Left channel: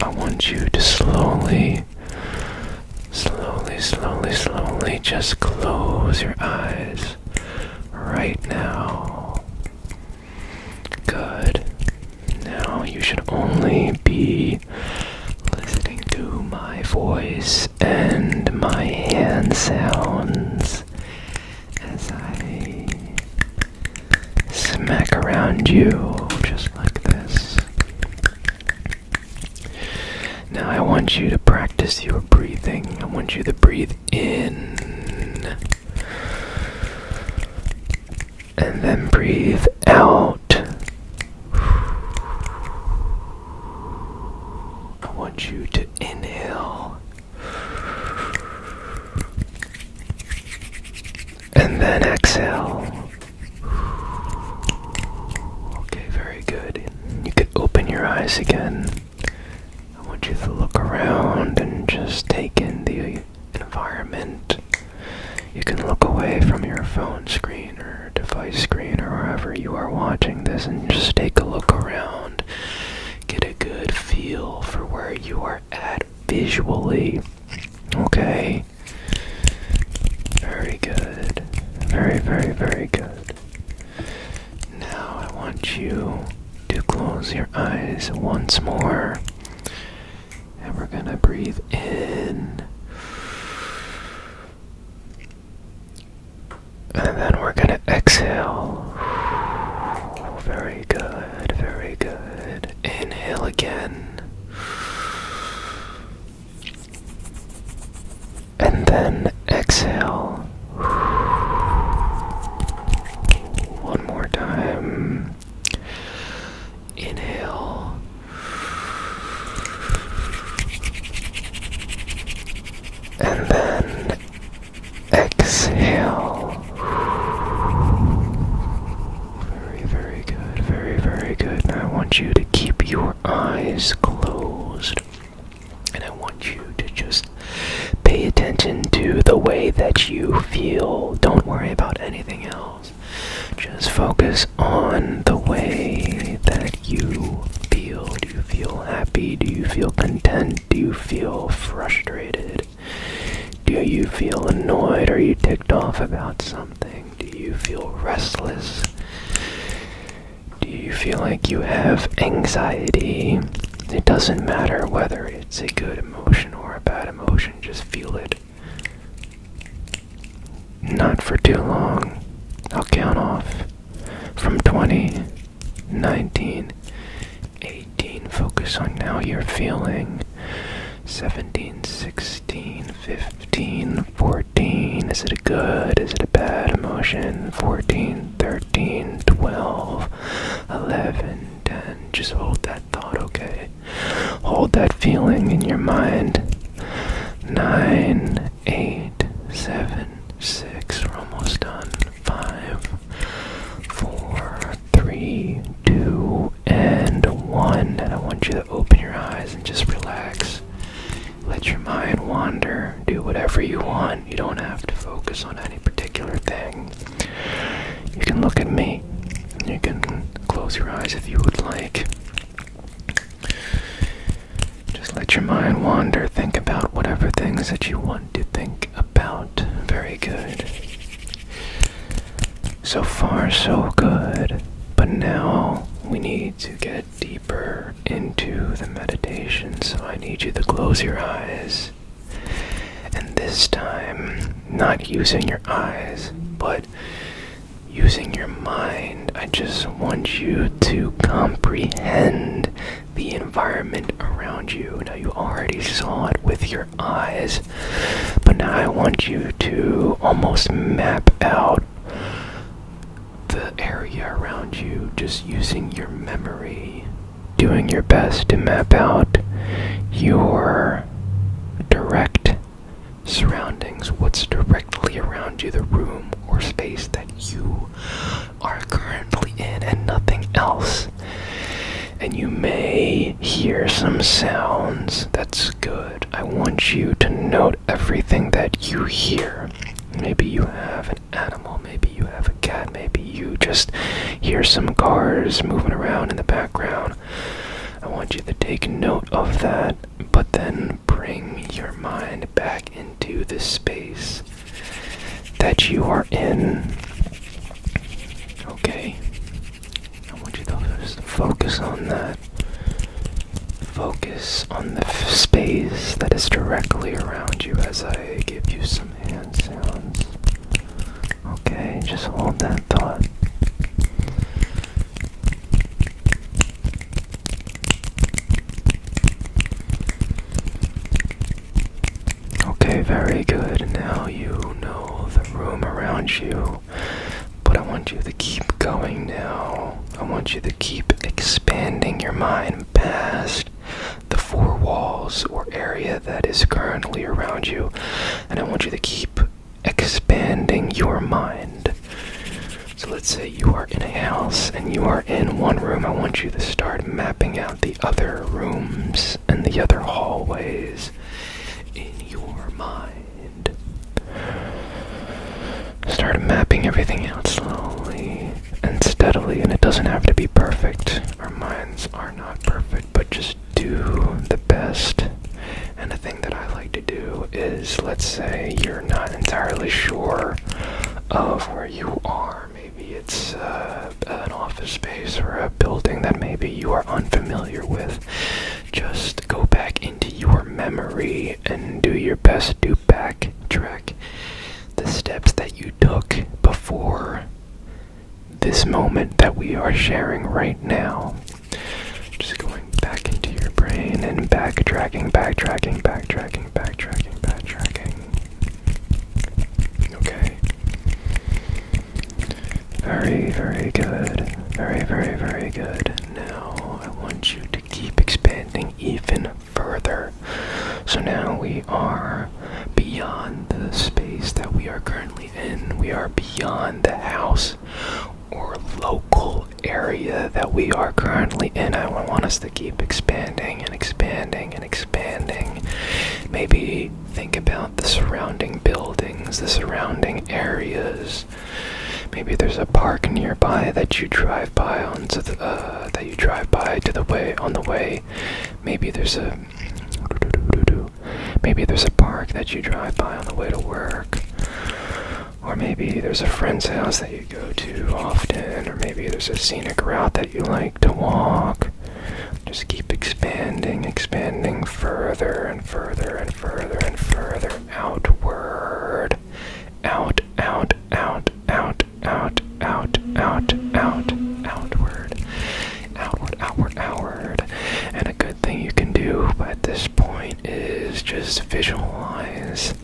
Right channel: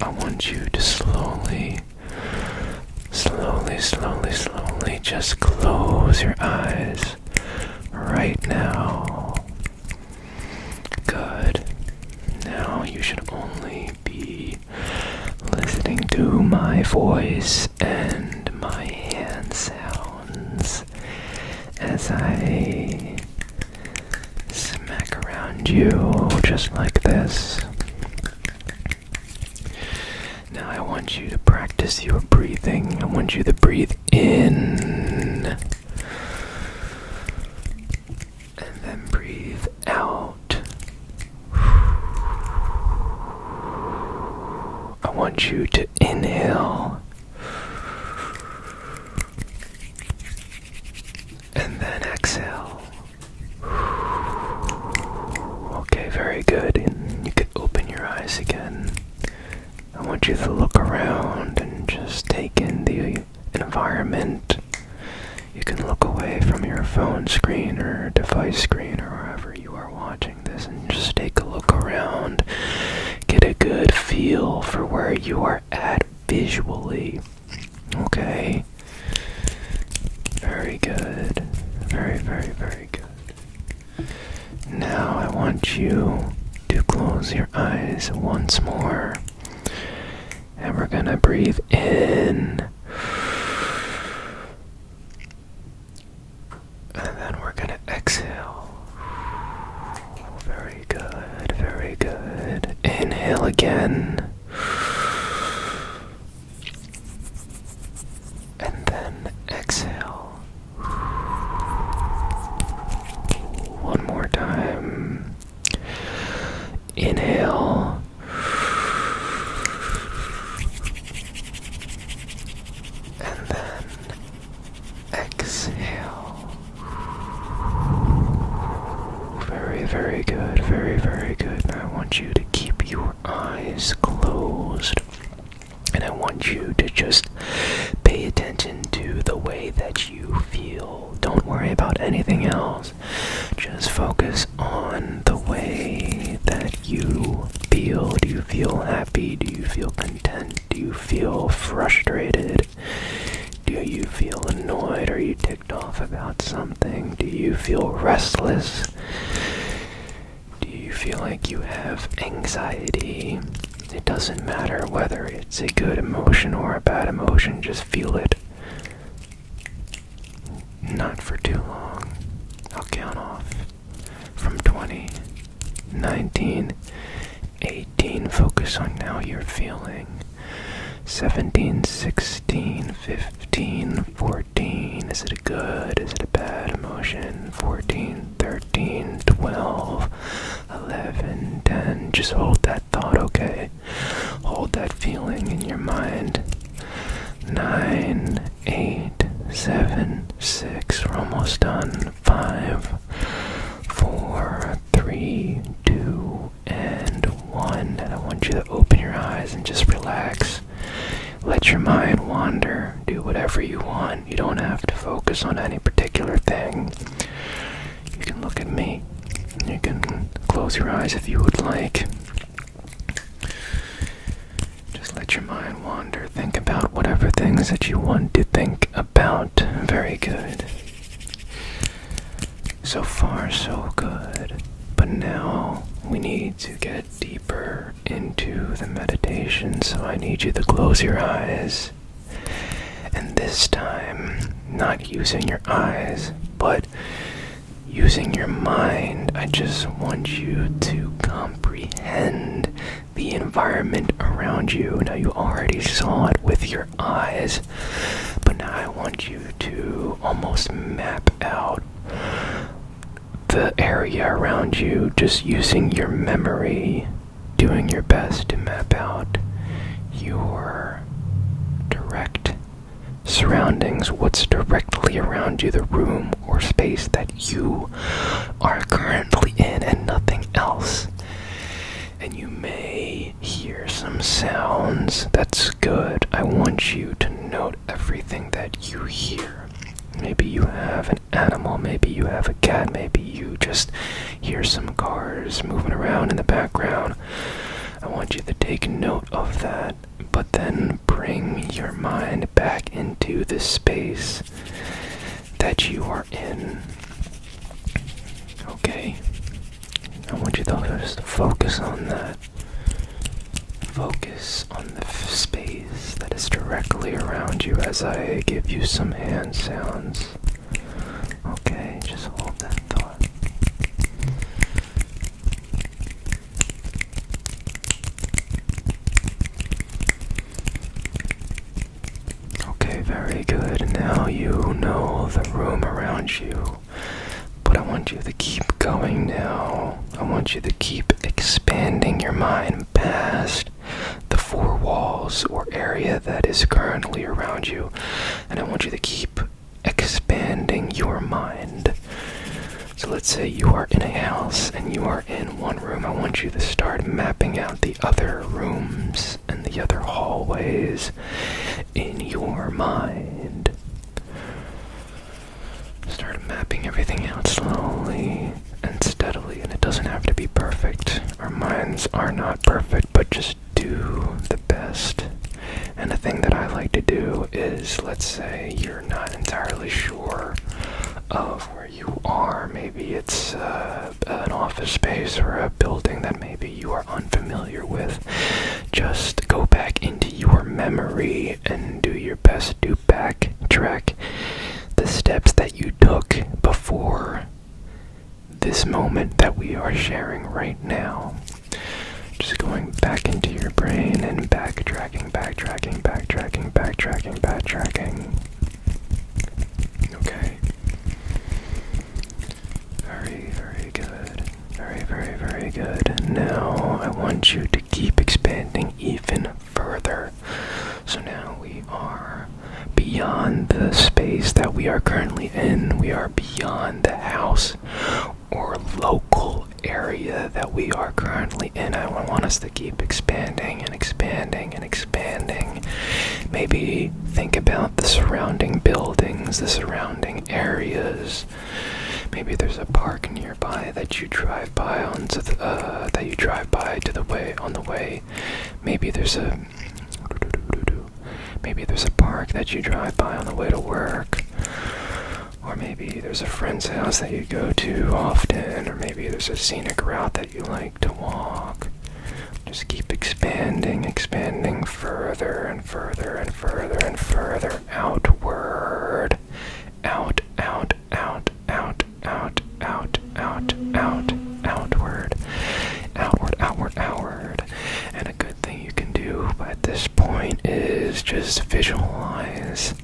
I want you to slowly just close your eyes right now. Good. Now you should only be listening to my voice and my hand sounds as I smack around you just like this. Now I want you to practice your breathing. I want you to breathe in and then breathe out. I want you to inhale and then exhale. Okay, very good. And you could open your eyes again. I want you to look around and just take in the environment. You can look away from your phone screen or device screen or wherever you are watching this and just take a look around. Get a good feel for where you are at visually. Okay? Very good. Very, very, very good. Now I want you to close your eyes once more. And we're gonna breathe in. And then we're gonna exhale. Very good, very good. Inhale again. And then exhale. One more time. Inhale. And then exhale. Very, very good. Very, very good. Now I want you to keep your eyes closed. And I want you to just pay attention to the way that you feel. Don't worry about anything else. Just focus on the way that you feel. Do you feel happy? Do you feel content? Do you feel frustrated? Do you feel annoyed? Are you ticked off about something? Do you feel restless? Do you feel like you have anxiety? It doesn't matter whether it's a good emotion or a bad emotion, just feel it. Not for too long. I'll count off from 20, 19, 18. Focus on how you're feeling. 17, 16, 15, 14. Is it a good? Is it a bad emotion? 14, 13, 12, 11, 10. Just hold that thought, okay? Hold that feeling in your mind. 9, 8, 7, 6. We're almost done. 5, 4, 3, 2, and 1. And I want you to open your eyes and just relax. Let your mind wander. Do whatever you want. You don't have to focus on any particular thing. You can look at me. You can close your eyes if you would like. Just let your mind wander. Think about whatever things that you want to think about. Very good. So far, so good. But now we need to get deeper into the meditation, so I need you to close your eyes. And this time, not using your eyes, but using your mind. I just want you to comprehend the environment around you. Now, you already saw it with your eyes, but now I want you to almost map out the area around you, just using your memory, doing your best to map out your direct surroundings, what's directly around you, the room or space that you are currently in and nothing else. And you may hear some sounds. That's good. I want you to note everything that you hear. Maybe you have an animal, maybe you have a cat, maybe you just hear some cars moving around in the background. I want you to take note of that, but then bring your mind back into the space that you are in. Okay? I want you to just focus on that. Focus on the space that is directly around you as I give you some hand sounds. Okay, just hold that thought. Okay, very good. Now you know the room around you, but I want you to keep going now. I want you to keep expanding your mind past the four walls or area that is currently around you, and I want you to keep expanding your mind. So let's say you are in a house and you are in one room. I want you to start mapping out the other rooms and the other hallways in your mind. Start mapping everything out slowly and steadily, and it doesn't have to be perfect. Our minds are not perfect, but just do the best. And the thing that I like to do is, let's say you're not entirely sure of where you are. Maybe it's an office space or a building that maybe you are unfamiliar with. Just go back into your memory and do your best to backtrack the steps that you took before this moment that we are sharing right now. Just going back into your brain and backtracking. Okay. Very, very good. Very good. Now I want you to keep expanding even further. So now we are beyond the space that we are currently in. We are beyond the house or local area that we are currently in. I want us to keep expanding and expanding and expanding. Maybe think about the surrounding buildings, the surrounding areas. Maybe there's a park nearby that you drive by on the way. Maybe there's a park that you drive by on the way to work. Or maybe there's a friend's house that you go to often, or maybe there's a scenic route that you like to walk. Just keep expanding further and further and further and further outward. Outward. And a good thing you can do at this point is just visualize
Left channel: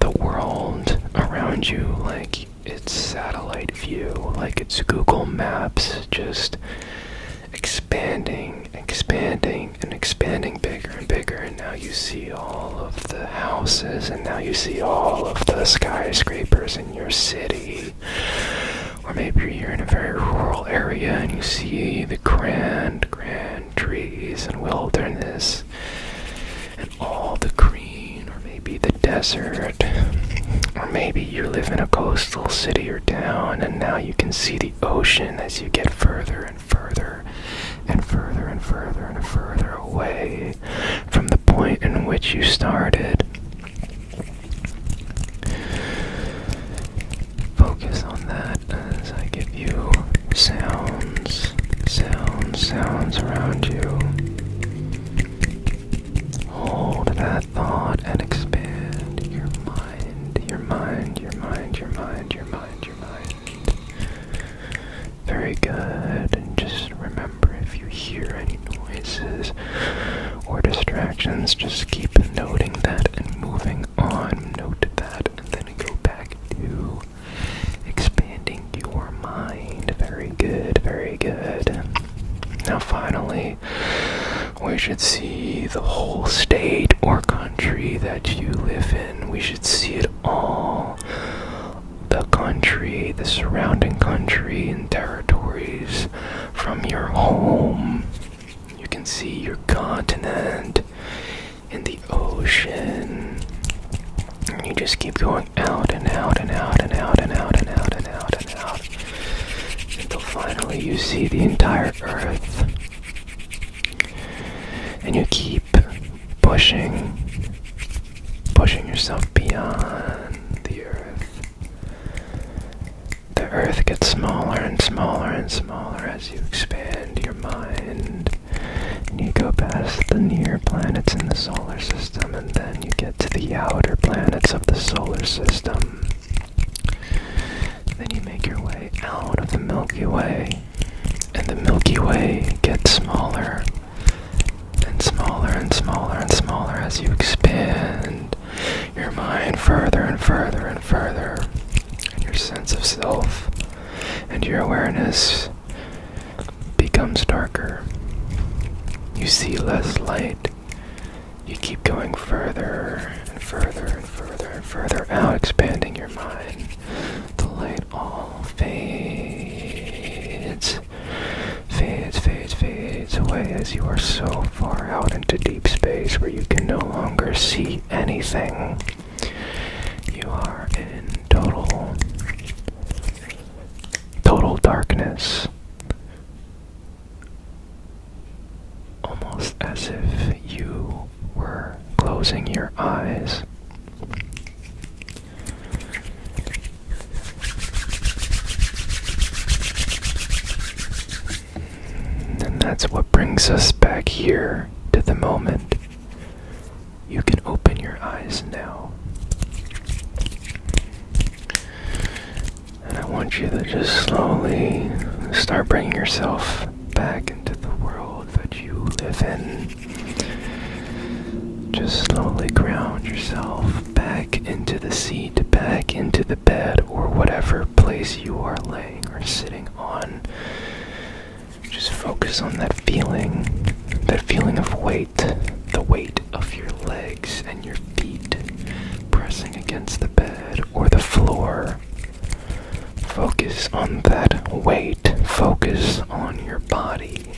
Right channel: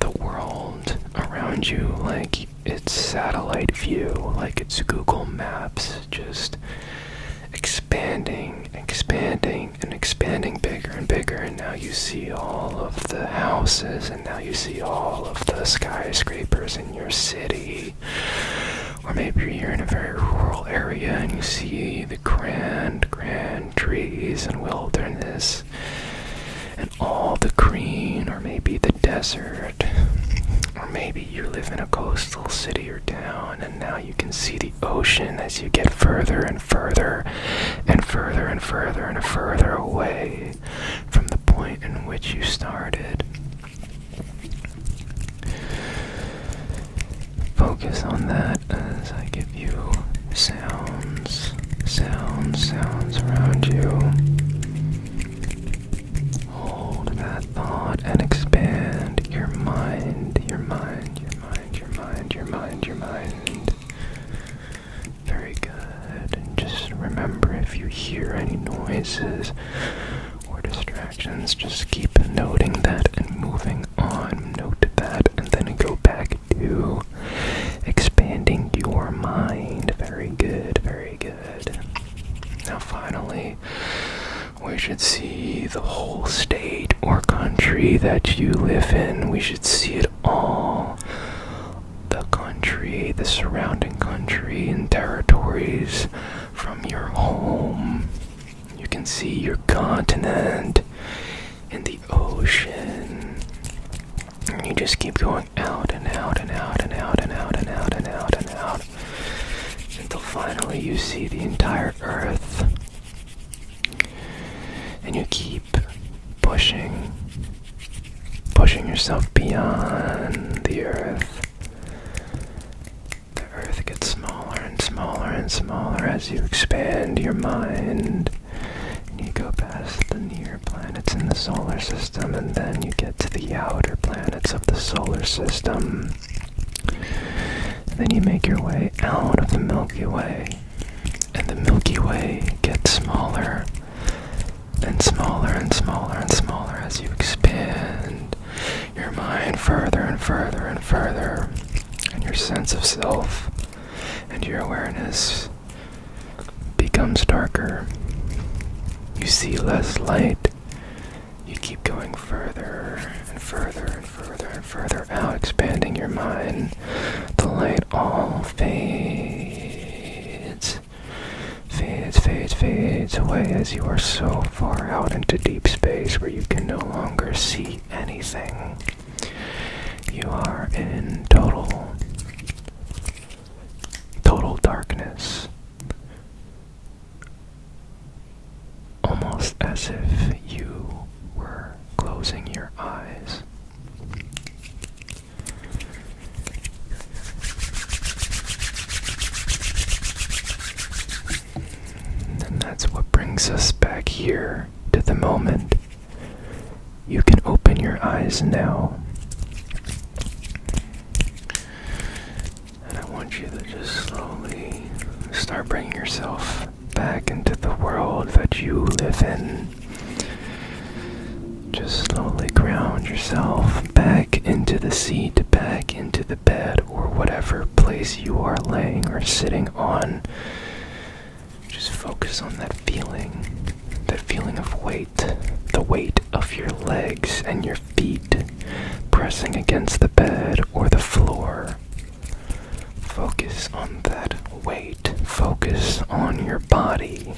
the world around you like it's satellite view, like it's Google Maps, just expanding bigger and bigger, and now you see all of the houses, and now you see all of the skyscrapers in your city. Or maybe you're in a very rural area and you see the grand trees and wilderness and all the green, or maybe the desert. Or maybe you live in a coastal city or town and now you can see the ocean as you get further and further and further and further and further away from the point in which you started. Focus on that as I give you sounds around you. Hold that thought and expand your mind. Very good. And just remember, if you hear any noises or distractions, just keep noting that and moving on. Note that and then go back to expanding your mind. Very good. Now finally, we should see the whole state or country that you live in. We should see it all. The country, the surrounding country and territories from your home. You can see your continent and the ocean. And you just keep going out and out and out and out and out and out and out and out until finally you see the entire earth. and you keep pushing yourself beyond the earth. The earth gets smaller and smaller and smaller as you expand your mind. And you go past the near planets in the solar system, and then you get to the outer planets of the solar system. Then you make your way out of the Milky Way, and the Milky Way gets smaller and smaller and smaller and smaller as you expand your mind further and further and further, and your sense of self and your awareness becomes darker. You see less light. You keep going further and further and further and further out, expanding your mind. The light all fades away as you are so far out into deep space where you can no longer see anything. You are in total darkness. Almost as if you were closing your eyes. And that's what brings us back here to the moment. You can open your eyes now. And I want you to just slowly start bringing yourself back into the world that you live in. Just slowly ground yourself back into the seat, back into the bed, or whatever place you are laying or sitting on. Just focus on that feeling of weight, the weight of your legs and your feet pressing against the bed or the floor. Focus on that weight. Focus on your body.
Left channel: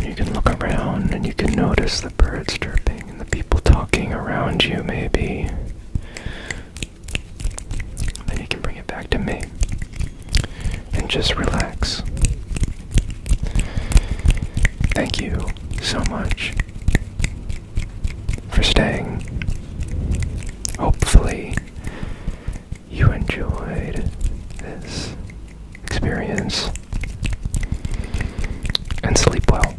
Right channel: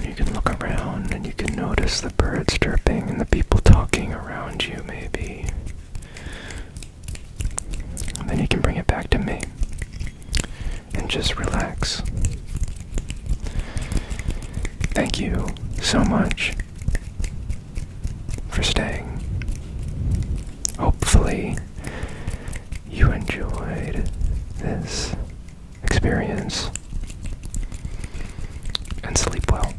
You can look around and you can notice the birds chirping and the people talking around you, maybe. And then you can bring it back to me. And just relax. Thank you so much for staying. Hopefully, you enjoyed this experience. And sleep well.